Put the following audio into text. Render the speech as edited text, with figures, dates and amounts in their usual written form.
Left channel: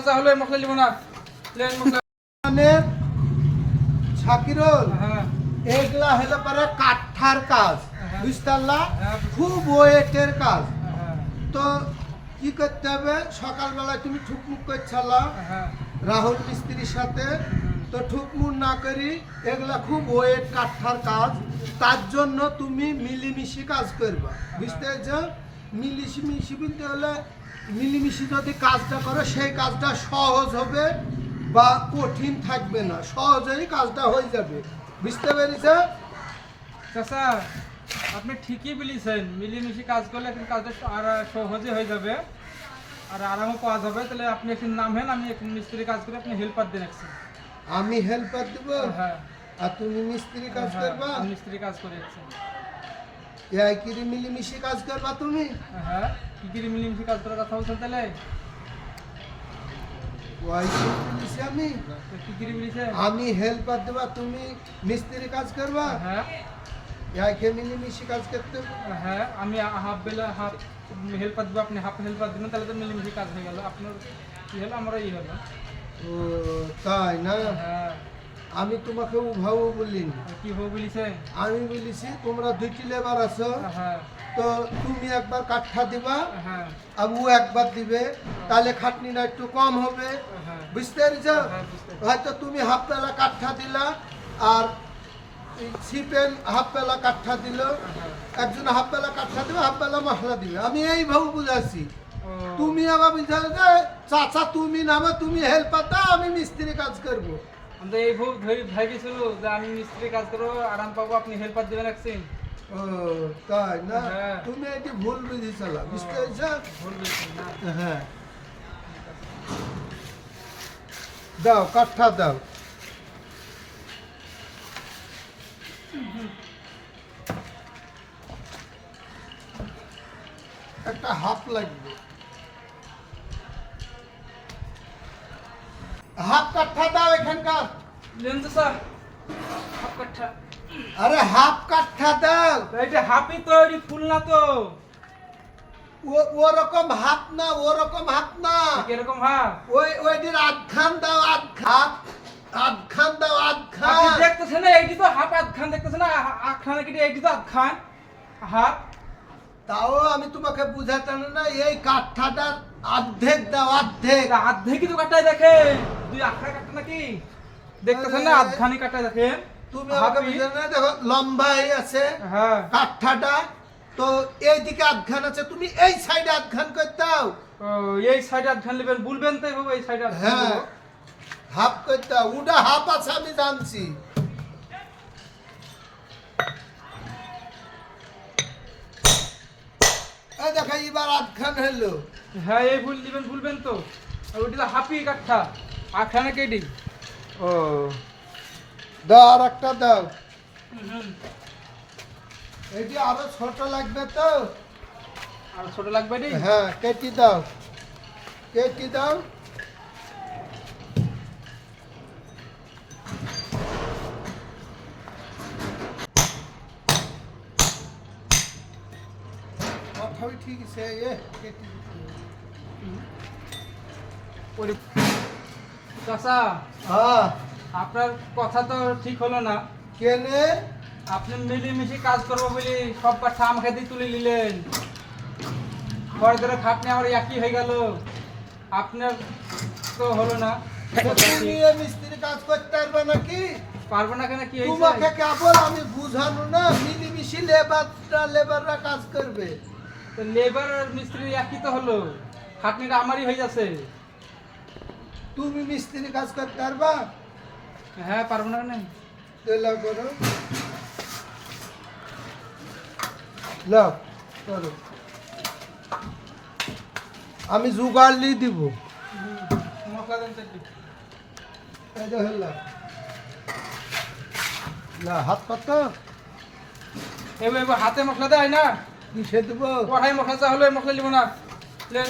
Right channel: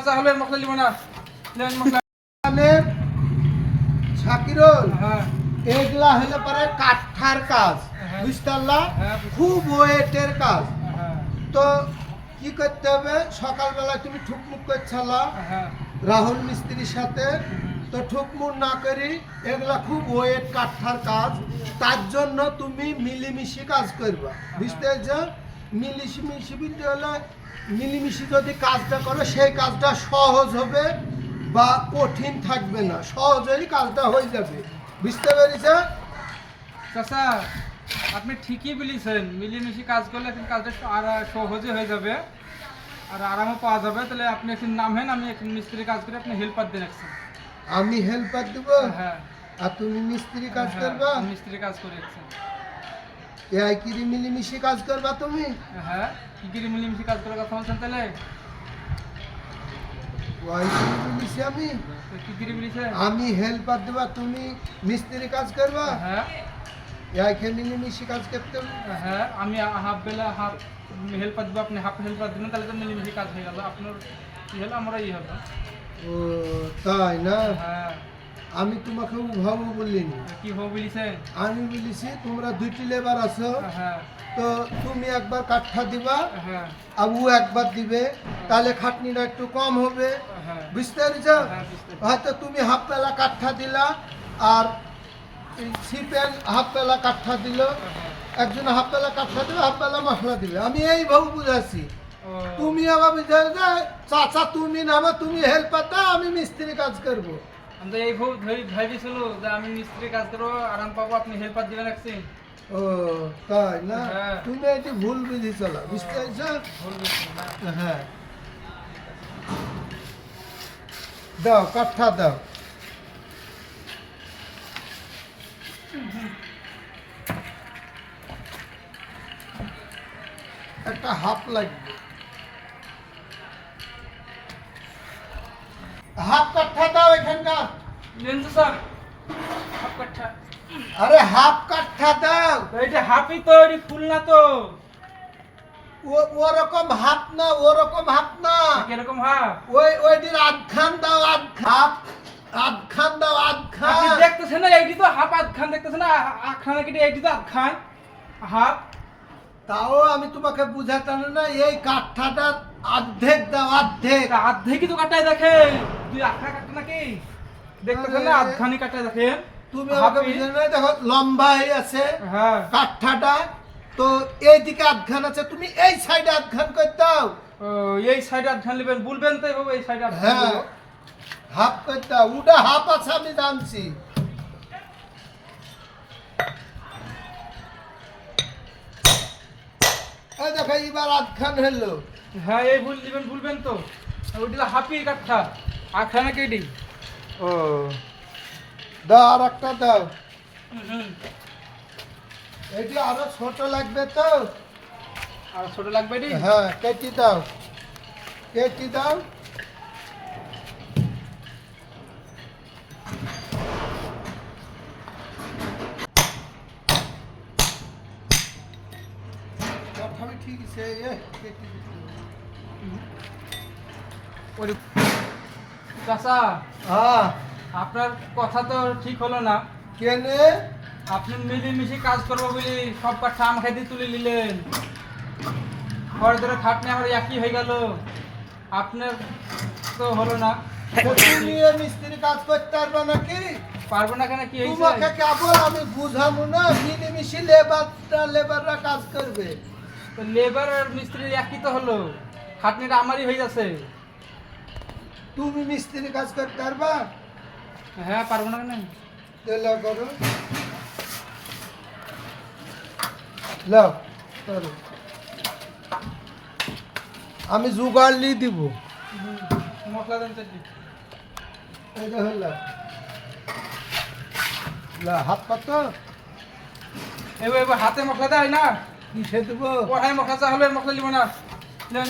মশলা চা হলে মশলা দিব না, প্লেন মশলা। শাকিরুল, হ্যাঁ এগুলা হলে পরে কাঠার কাজ, হ্যাঁ। বুঝতে পারলা? হ্যাঁ। খুব ওয়েটের কাজ। হ্যাঁ তো কি করতে হবে, সকালবেলায় তুমি ঠুকমুক করছালা হ্যাঁ রাহুল মিস্ত্রির সাথে, তো ঠুকমুক না করি, এগুলা খুব ওয়েট কাঠার কাজ। তার জন্য তুমি মিলিমিশি কাজ করবা, বুঝতে পারছো? মিলিমিশি বলতে হলে মিলিমিশি যদি কাজটা করো সেই কাজটা সহজ হবে বা কঠিন থাকবে না, সহজেই কাজটা হয়ে যাবে, বুঝতে পেরেছ? চাচা, আপনি ঠিকই বলেছেন, মিলেমিশে কাজ করলে এখন কাজটা আর সহজে হয়ে যাবে আর আরামও পাওয়া যাবে। তাহলে আপনি এখন নামেন, আমি এখন মিস্ত্রি কাজ করে আপনি হেল্পার দেন একজন। আমি হেল্পার দেব হ্যাঁ আর তুমি মিস্ত্রি কাজ হ্যাঁ, করবা? আমি মিস্ত্রি কাজ করে একজন। এই কি মিলিমিশি কাজ করবা তুমি? হ্যাঁ, কি কি মিলেমিশে কাজ করার কথা বলছেন তাহলে? ওই কি বলিছি আমি? তো কি কি বলেছেন? আমি হেল্পার দেবা, তুমি মিস্ত্রি কাজ করবা? হ্যাঁ এই কি মিলিমিশি কাজ করতে হবে? হ্যাঁ, আমি হাফ বেলা হাফ হেল্পার দেবো, আপনি হাফ হেল্পার দেবেন, তাহলে তো মিলেমিশে কাজ হয়ে গেল। আপনার কি হলো, আমারও ই হলো। ও তাই না? হ্যাঁ, আমি তোমাকে উভাবু বলিনি, কি হবে বলেছেন? আমি বলেছি তোমরা দুইটি লেবার আছো, হ্যাঁ তো তুমি একবার কাঠা দিবা হ্যাঁ আর ও একবার দিবে, তাহলে খাটনিটা একটু কম হবে, হ্যাঁ বুঝতে পেরেছ? হ্যাঁ, বুঝতে পেরেছি। হয়তো তুমি হাফ বেলা কাঠা দিলা আর সিপেন হাফ বেলা কাঠা দিল, হ্যাঁ। একজন হাফ বেলা কাঠা দিবে, হাফ বেলা মশলা দিবে, আমি এইভাবে বুঝাচ্ছি। ও, তুমি আবার বুঝাই যে চাচা তুমি নামে, তুমি হেল্পার দাও, আমি মিস্ত্রি কাজ করবো। আমি তো এই ভাবিছিল যে আমি মিস্ত্রি কাজ করবো, আরাম পাবো, আপনি হেল্পার দিবেন একদিন। ও তাই না? হ্যাঁ। তুমি এটি ভুল বুঝেছিল, বুঝতে পেরেছ? ভুল বলছেন না? হ্যাঁ, দাও কাঠা দাও। একটা হাফ লাগবে, হাফ কাঠা দাও এখানকার। নেন তো স্যার, হাফ কাঠা। আরে হাফ কাঠা দাও। এইটা হাফই তো, এটি ফুল না তো। ওরকম হাত না, ওরকম হাত না, কিরকম হাফ? ওইটির আধখান দাও, আধখান, আধখান দাও, আপনি আধখান। দেখতেছেন না, এইটি তো হাফ আধখান দেখতেছেন না, আধখানে কেটে এইটি তো আধখান হাফ। তাও আমি তোমাকে বুঝাতাম না, এই কাঠাটার অর্ধেক দাও, অর্ধেক। এটা আধেকই তো কাটায় দেখেন, দুই আখড়া কাটে নাকি? দেখতেছেন না, আরে, আধখানি কাটায় দেখেন। তুমি আমাকে হাফই। বুঝানো না, দেখো লম্বা হয়ে আছে হ্যাঁ কাঠাটা, তো এইদিকে আধখান আছে, তুমি এই সাইডে আধখান করে দাও। ও, এই সাইডে আধখান নেবেন, বলবেন তো এভাবে, এই সাইডে আধখান হ্যাঁ, দেবো। হাফ করে দাও, ওটা হাফ আছে আমি জানছি। এই দেখো এবার আধখান হলো। হ্যাঁ, এই ভুল দিবেন, ভুলবেন তো। আর ওইটা হাফি কাঠা, আখড়া কেডি। ও দাও, আর একটা দাও। এটি আরো ছোট লাগবে তো? আর ছোট লাগবে এটি? হ্যাঁ, কেটে দাও, কেটে দাও। কথাই ঠিক আছে, কেটে দিতে হবে। ওরে চাচা, হ্যাঁ, আপনার কথা তো ঠিক হলো না। কেনে? আপনি মিলেমিশে কাজ করবো বলে সব কাঠা আমাকে দিয়ে তুলে নিলেন, পরে ধরে খাটনি আমার একই হয়ে গেল, আপনার তো হলো না। তো তুমি এ মিস্ত্রি কাজ করতে পারবে নাকি? পারবো না কেন, কি তোমাকে হয়েছে? কেবল আমি বুঝানো না, মিলিমিশি লেবাররা কাজ করবে। তো লেবার আর মিস্ত্রি একই তো হলো, খাটনিটা আমারই হয়ে যাচ্ছে। তুমি মিস্ত্রি কাজ করতে পারবা? হ্যাঁ, পারবো না কেন? লাও করো, লাও করো, আমি জোগাড় নিয়ে দিব। মশলা দেন তো। এই দেখো, লাও, লাও, হাত কত এবার হাতে মশলা দেয় না, কিসে দেবো? কড়াই মশলা চা হলে মশলা দিব না, প্লেন